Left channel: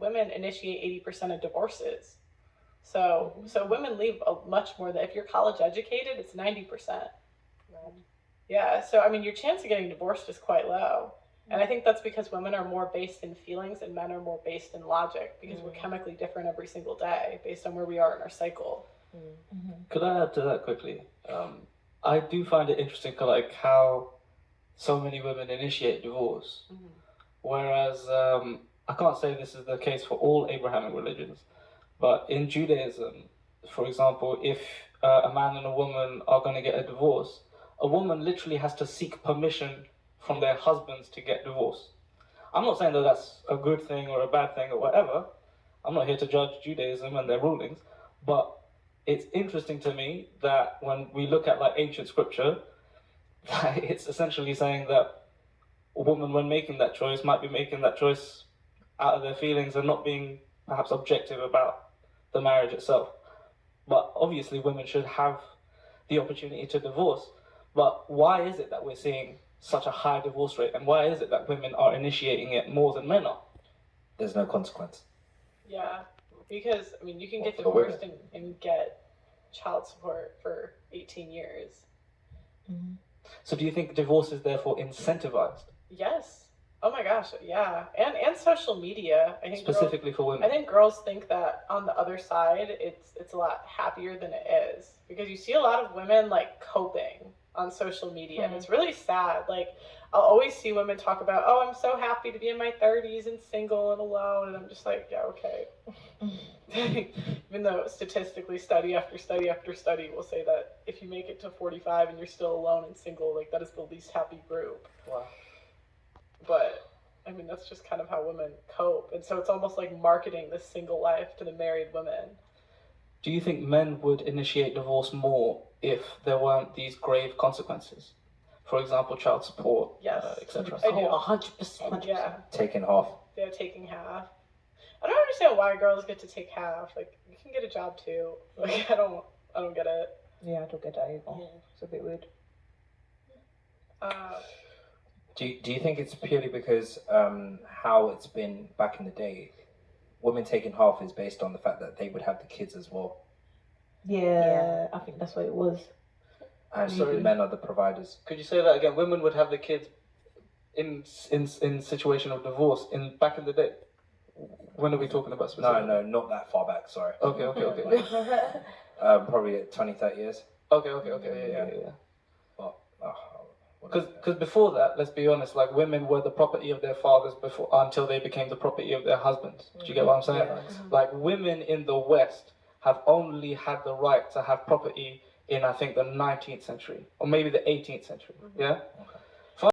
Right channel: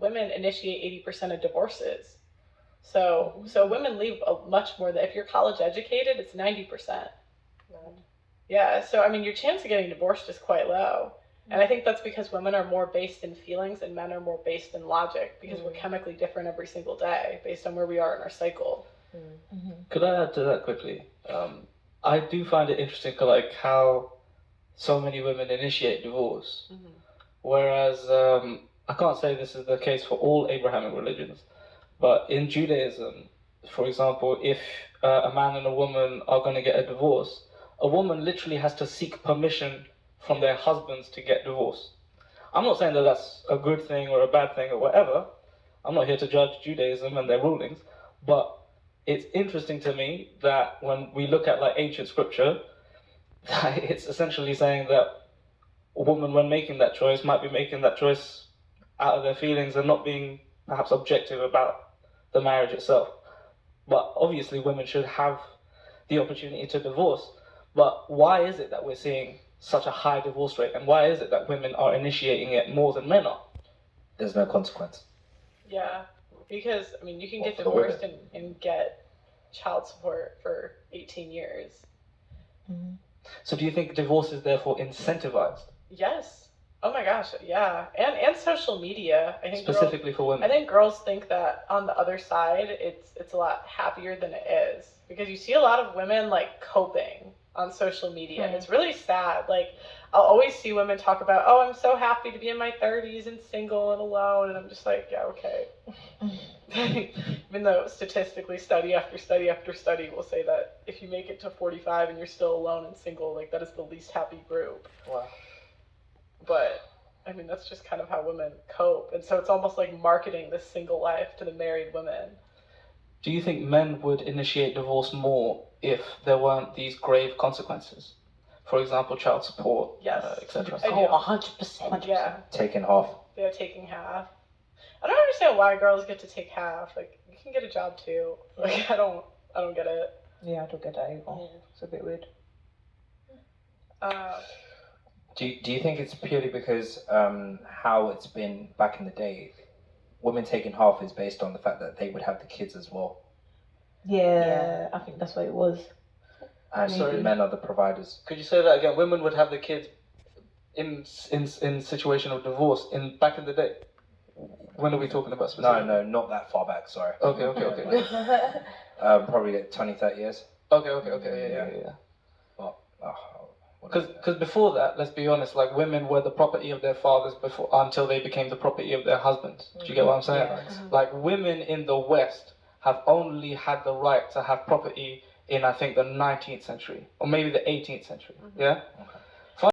women initiate 80% of divorces. So women leave much more than if you're college educated, it's 90%. Right. Yeah, so I mean, your chance of getting divorced is quite low. And I think that's because women are more based in feelings and men are more based in logic because we're chemically different every single day based on where we are in our cycle. Could I add to that quickly? I do find it interesting, like how so many women initiate divorce, whereas I can't say this is the case for all Abrahamic religions, but in Judaism, for example, if a man and a woman are going to get a divorce, a woman literally has to seek permission from their husbands to get divorced. I'm not saying that that's a good thing or a bad thing or whatever. I'm not here to judge Judaism and their rulings, but it's interesting to me that when we look at like ancient scripture, it's essentially saying that a woman, when making that choice, might be making that choice out of their feelings and not being perhaps objective about the marriage itself. But obviously women should have the opportunity to divorce. But why is it that we're seeing such a high divorce rate, and why is it that women are initiating it more than men are? There's no consequence. Yeah, because I mean, you can get divorced and get child support for 18 years. So do you think divorce is therefore incentivized? Yes. Oh my gosh, yeah. And social media. I think specifically for women. I think girls think that on the other side it's a lot happier than it is. Because you see a lot of women like coping on social media. And it's really sad. Like I'll always see women talk about, oh, I'm so happy to be in my 30s and single and alone, and I'm just like, yeah, okay. Even though statistically study after study after study will say that if you make it to 45 and you're still alone and single, like that is the least happy group. Wow. But I mean, that's just kind of how women cope. And so it's almost like marketing this single life to the married women. Do you think men would initiate divorce more if there weren't these grave consequences? For example, child support, yes, etc. I do. 100%. Yeah. Taking half. They're taking half. I don't understand why girls get to take half. Like, you can get a job too. Like, I don't get it. Yeah, I don't get that either. It's a bit weird. Do you think it's purely because how it's been back in the day? Women taking half is based on the fact that they would have the kids as well. Yeah. I think that's what it was. And men are the providers. Could you say that again? Women would have the kids in situation of divorce back in the day. When are we talking about specifically? No, not that far back. Sorry. Okay. Probably like 20, 30 years. Okay. Yeah. Because before that, let's be honest, like women were the property of their fathers until they became the property of their husbands. Do you get what I'm saying? Yeah. Like women in the West have only had the right to have property in, I think, the 19th century or maybe the 18th century. Yeah. Okay.